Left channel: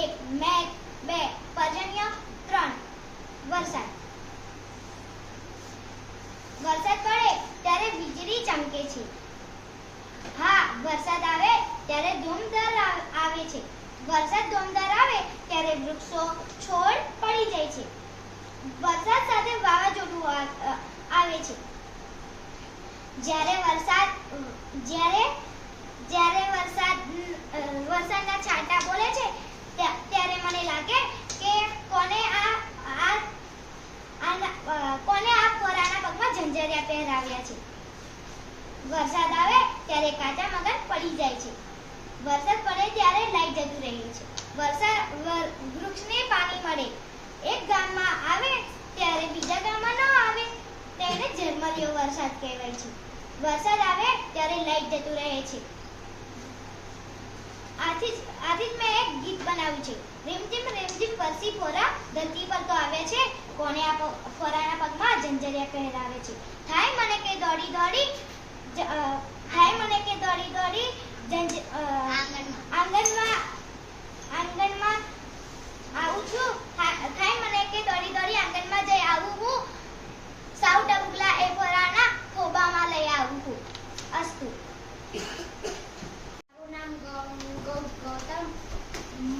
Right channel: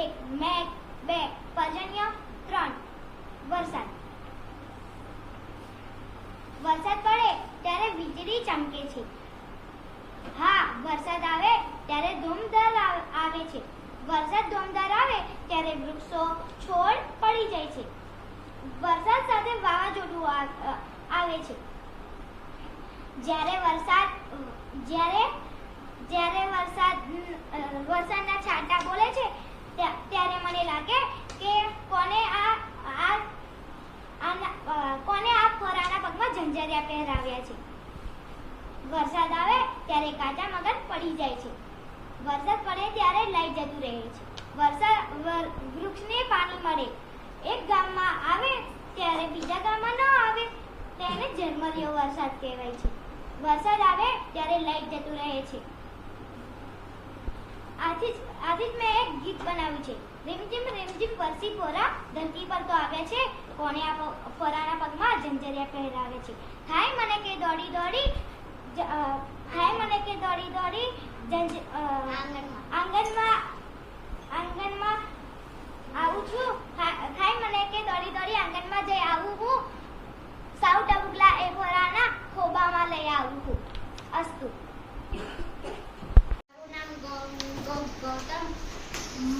એક મેઘ બે પર્જન્ય ત્રણ. વરસાદ. વરસાદ પડે ત્યારે વીજળી ચમકે છે. હા, વરસાદ આવે ત્યારે ધૂમધાર આવે છે. વરસાદ ધૂમધાર આવે ત્યારે વૃક્ષો, છોડ પડી જાય છે. વરસાદ સાથે વાવાઝોડું આવે છે. જ્યારે વરસાદ, જ્યારે જ્યારે વરસાદ વરસાદના છાંટા બોલે છે ત્યારે મને લાગે કે કોને આ કોને આ ફોરાના પગમાં ઝંઝરિયા પહેરાવ્યા છે? વરસાદ આવે ત્યારે કાચા મગજ પડી જાય છે. વરસાદ પડે ત્યારે લાઈટ જતું રહે છે. વરસાદ વૃક્ષને પાણી મળે. એક ગામમાં આવે ત્યારે બીજા ગામમાં ન આવે, તેને ઝરમરિયો વરસાદ કહેવાય છે. વરસાદ આવે ત્યારે લાઈટ જતું રહે છે. આથી જ આથી જ મેં એક ગીત બનાવ્યું છે. રીમઝીમ રીમઝીમ પરસી ફોરા ધરતી પર તો આવે છે કોને આ ફોરાના પગમાં ઝંઝરિયા પહેરાવે છે. થાય મને કે દોડી દોડી હાય મને કે દોડી દોડી ઝંઝ અ, આંગણમાં આંગણમાં આવું છું થા- થાય મને કે દોડી દોડી આંગણમાં જઈ આવું હું સાવ ટબુકલા એ ફોરાના ખોબામાં લઈ આવું હું અસ્તુ મારું નામ ગૌ- ગૌ- ગૌતમ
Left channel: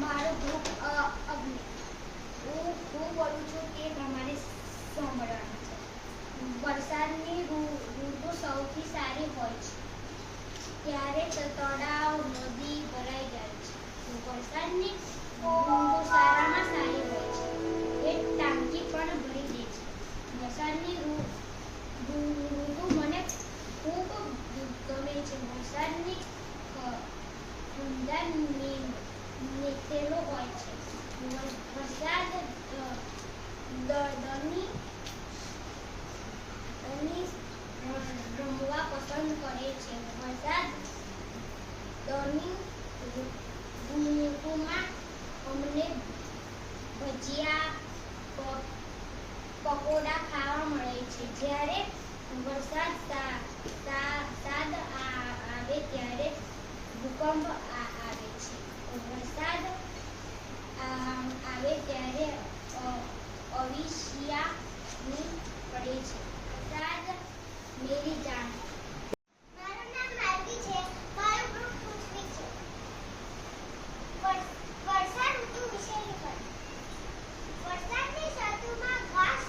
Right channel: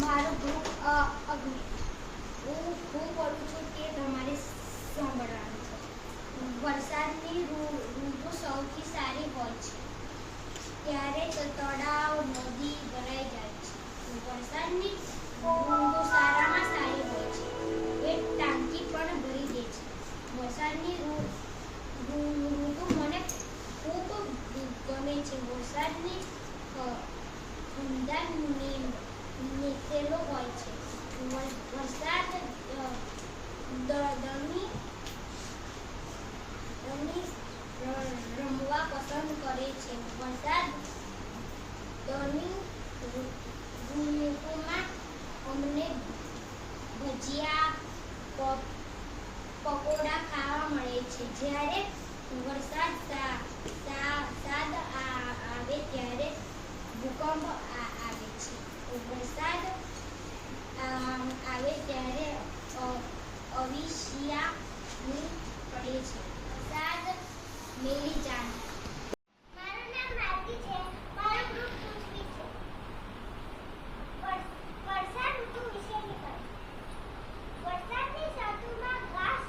મારું ગ્રુપ અ, અગ્નિ હું બોલું છું તે તમારે સાંભળવાનું છે. વરસાદની ઋતુ સૌથી સારી હોય છે. ત્યારે તળાવ, નદી ભજીયા પકોડા ખાવા મળે છે. જ્યારે વરસાદ સાદ આવે ત્યારે ભૂકંપ આવે છે. વરસાદ આવે ત્યારે અ- અવિષિયા પડે છે વરસાદ મેરી જાન મારું નામ માલવી છે મારું ગ્રુપ પૃથ્વી છે વર- વર્ષા ઋતુ વિશેની વાત વરસાદની ઋતુમાં ઘાસ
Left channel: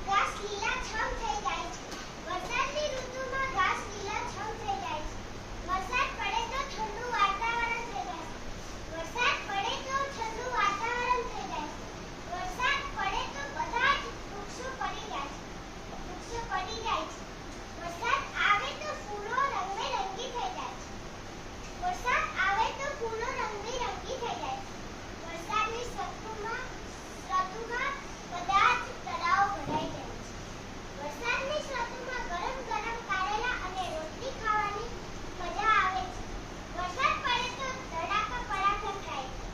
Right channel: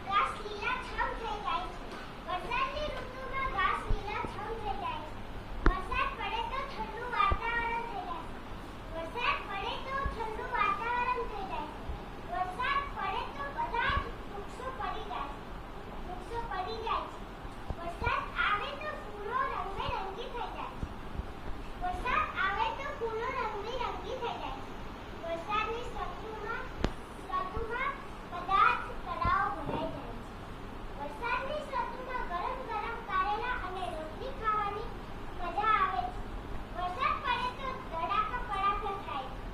ઘાસ લીલાછમ થઈ જાય છે વરસાદની ઋતુમાં ઘાસ લીલાછમ થઈ જાય છે વરસાદ પડે તો ઠંડુ વાતાવરણ થઈ જાય છે વરસાદ પડે તો ઠંડુ વાતાવરણ થઈ જાય છે વરસાદ પડે તો બધા જ વૃક્ષો પડી જાય છે વૃક્ષો પડી જાય છે વરસાદ આવે તો ફૂલો રંગબેરંગી થઈ જાય છે વરસાદ આવે તો ફૂલો રંગબેરંગી થઈ જાય છે વરસાદની ઋતુમાં ઋતુમાં બધા જ તળાવ ભરાઈ જાય છે વરસાદની ઋતુમાં ગરમ ગરમ કારેલા અને રોટલી ખાવાની મજા આવે છે વરસાદ પડે તો ધડાકા પડાકા થાય છે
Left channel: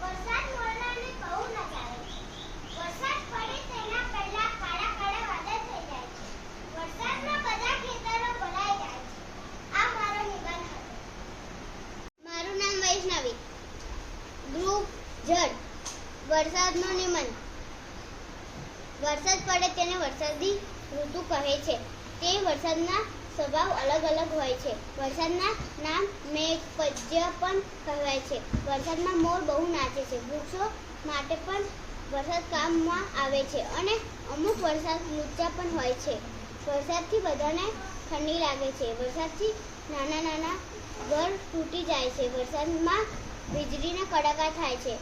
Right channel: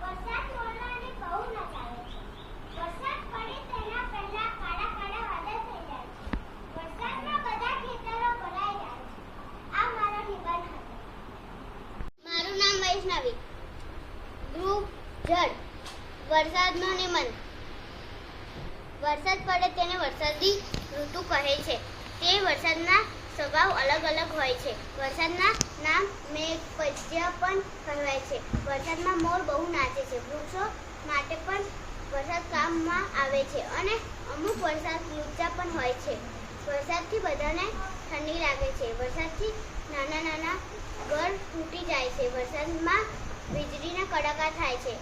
વરસાદ મોરલાને બહુ નચાવે છે વરસાદ પડે તેના પહેલા કાળા કાળા વાદળ થઈ જાય છે વરસાદમાં બધા ખેતરો ભરાઈ જાય છે આ મારો નિબંધ હતો મારું નામ વૈષ્ણવી ગ્રુપ જળ. વરસાદનું નિમન. વરસાદ પડે તેને વરસાદી ઋતુ કહે છે. તે વરસાદના સ્વભાવ અલગ અલગ હોય છે. વરસાદના નામ મેઘ પદ્ય પણ કહેવાય છે. વરસાદમાં મોર બહુ નાચે છે. વૃક્ષો માટે પણ વરસાદ કામમાં આવે છે અને અમુક વરસાદ લુચ્ચા પણ હોય છે. વરસાદથી બધાને ઠંડી લાગે છે. વરસાદથી નાના નાના ઘર તૂટી જાય છે. વરસાદમાં વીજળીના કડાકા થાય છે.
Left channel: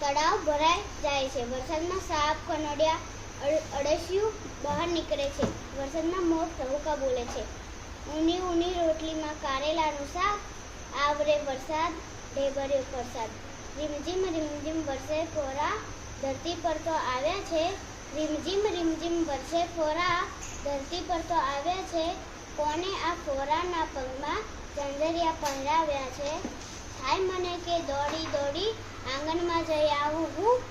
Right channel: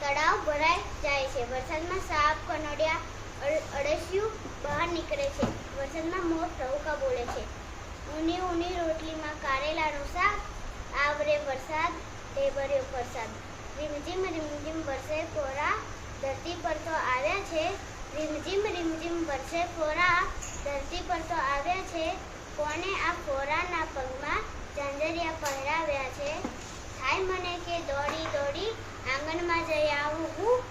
તળાવ ભરાઈ જાય છે. વરસાદમાં સાપ, કનોડિયા અળ- અળસિયું બહાર નીકળે છે. વરસાદમાં મોર ટહુકા બોલે છે. ઊની ઊની રોટલીમાં કારેલાનું શાક. આવરે વરસાદ, ઢેબર્યો વરસાદ રીમઝીમ રીમઝીમ વરસે ફોરા ધરતી પર તો આવ્યા છે. રીમઝીમ રીમઝીમ વરસે ફોરા ધરતી પર તો આવ્યા છે. કોને આ ફોરાના પગમાં ઝંઝરિયા પહેરાવ્યા છે? થાય મને કે દોડી દોડી આંગણમાં જઈ આવું હું.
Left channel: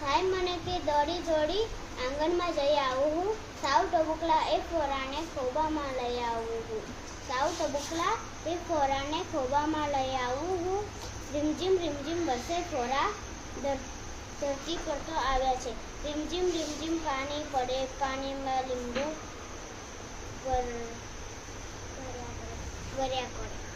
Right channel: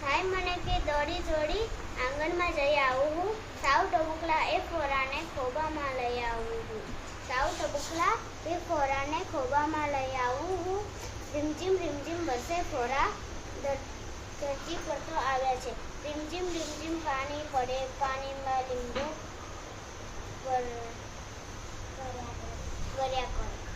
થાય મને કે દોડી દોડી આંગણમાં જઈ આવું હું. સાવ ટબુકલા એ ફોરાને ખોબામાં લઈ આવું હું. સાવ ટબુકલા એ ફોરાને ખોબામાં લઈ આવું હું. રીમઝીમ રીમઝીમ વરસે ફોરા ધર- ધરતી પર તો આવ્યા છે. રીમઝીમ રીમઝીમ પાણી પડે, પાણીમાં લીંબુ ગર્યા કરે.